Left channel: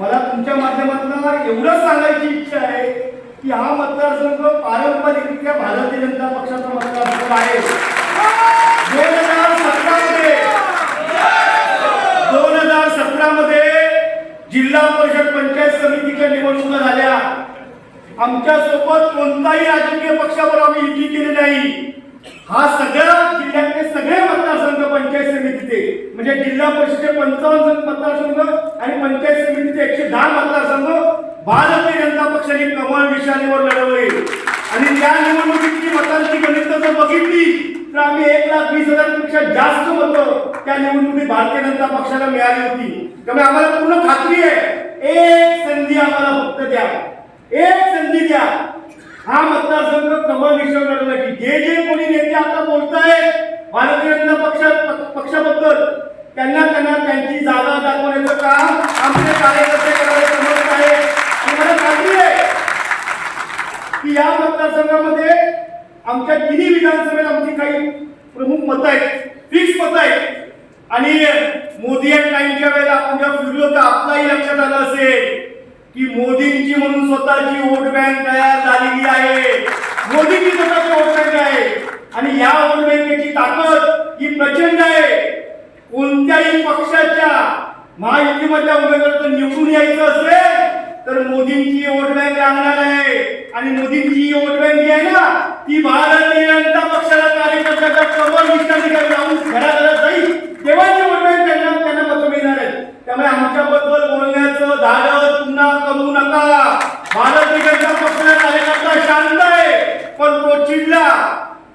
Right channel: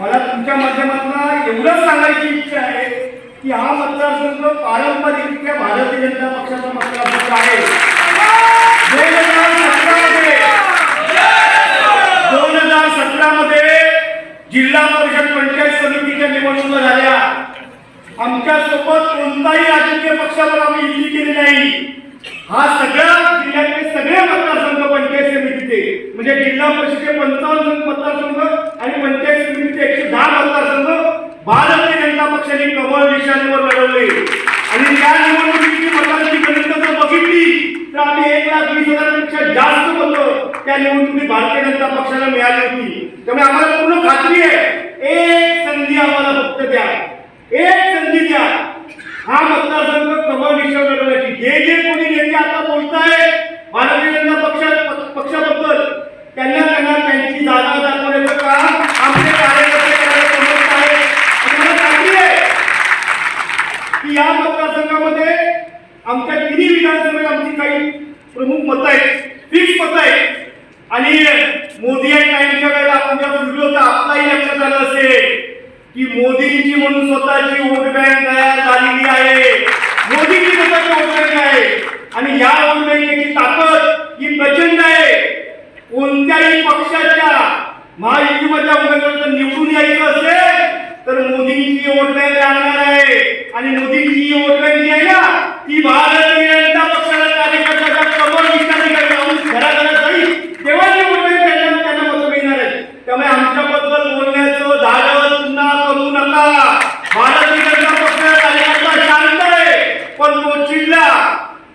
मला तुमच्या माध्यमातून एवढंच सांगायची इच्छा आहे की हा मतदारसंघ पारंपरिकरित्या भारतीय जनता पक्षाचा मतदारसंघ आहे. दोन हजार सतरामध्ये. दोन हजार जिल्हा परिषद पंचायत समितीच्या निवडणुका झाल्या. आमच्यासोबत कोणताही राजकीय पक्षावर आम्ही युती केली नाही. हा सगळ्या जिल्ह्यातले सगळे मतदारसंघ पंचायत समितीचे म्हणजे जिल्हा परिषदेचे पंचावन्न मतदारसंघ आणि पंचायत समितीचे एकशे दहा मतदारसंघ भारतीय जनता पक्षाने कमळ निशाणीवर लढवले. आणि त्या निवडणुकीची मतांची गणित जर बघितली तर आम्ही एक लाख वीस हजारपेक्षा जास्त मतं त्या निवडणुकीत भारतीय जनता पक्षाला मिळाली होती. त्यामुळे आम्हाला पूर्ण खात्री आहे एक संधी आम्हाला फक्त द्या. एक संधी द्या. हा मतदारसंघ कमळ निश्चय लढवण्याची. जे जे कोणी नेते आता बोलताय भारतीय जनता पक्षात पक्षाबद्दल त्यांना त्यांना त्यांची जागा दाखवण्याचं काम आमचे कार्यकर्ते करायला समजत आहे आणि खात्री आहे की या मतदारसंघामध्ये आमच्या तिन्ही विधानसभेत आमची काही प्रमुख मतं आहेत फिक्स मतं आहेत. आणि मोदी आणि टाईमच्या वेळेला आपण जेव्हा फिरलो तर आपलाही लक्षात आलं असेल की मोदींची म्हणून स्वतःची वोट बँक तयार झालेली आहे. मोदींची स्वतःची वोट बँक आहे. आणि या वोट बँकेची ताकद ही प्रचंड आहे. कोणत्याही पक्षाच्या महायुतीमधल्या उमेदवाराचं निवडून यायचं असेल तर मोदींची वोट बँक लागणार आहे. आणि मोदींची वोट बँक जी आहे ना ती भारतीय जनता पक्षाला कार्यकर्त्याच्या कमल निष्ठांकडे जाऊन घराघरात जाईल. तेव्हा ही वोट बँक त्यांना त्यांना मतं मिळणार आहे त्यामुळे आमच्याबद्दल बोलण्याचं धाडस पुन्हा करू नका. भारतीय जनता पक्षाला कार्यकर्ता शांत आहे पण तो चिडला.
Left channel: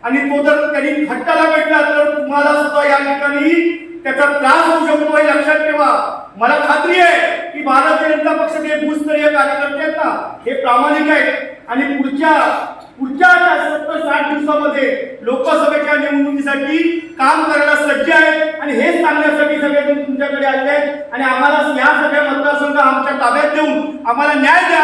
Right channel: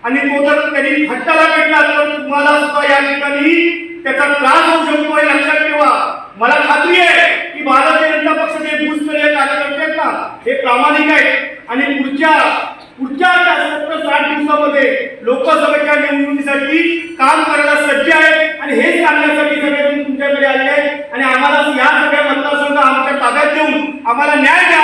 आणि तो जर त्यांनी फटकाला भेटला तर तुम्हाला सुद्धा या ठिकाणी त्याचा त्रास होऊ शकतो हे लक्षात ठेवा. मला खात्री आहे की भारतीय जनता पक्षाचे भूस्तरीय कार्यकर्ते आहेत ना हे प्रामाणिक आहेत. आणि पुढच्या पुढच्या सत्तर साठ दिवसामध्ये लोकसभेच्या निवडणुकीसाठी काम करायला सज्ज आहेत आणि हेच सांगण्यासाठी सगळे तुमच्याकडे आले आहेत. आणि आम्हाला या सगळ्या मतदारसंघ आमच्या ताब्यात देऊन आम्हाला न्याय द्या.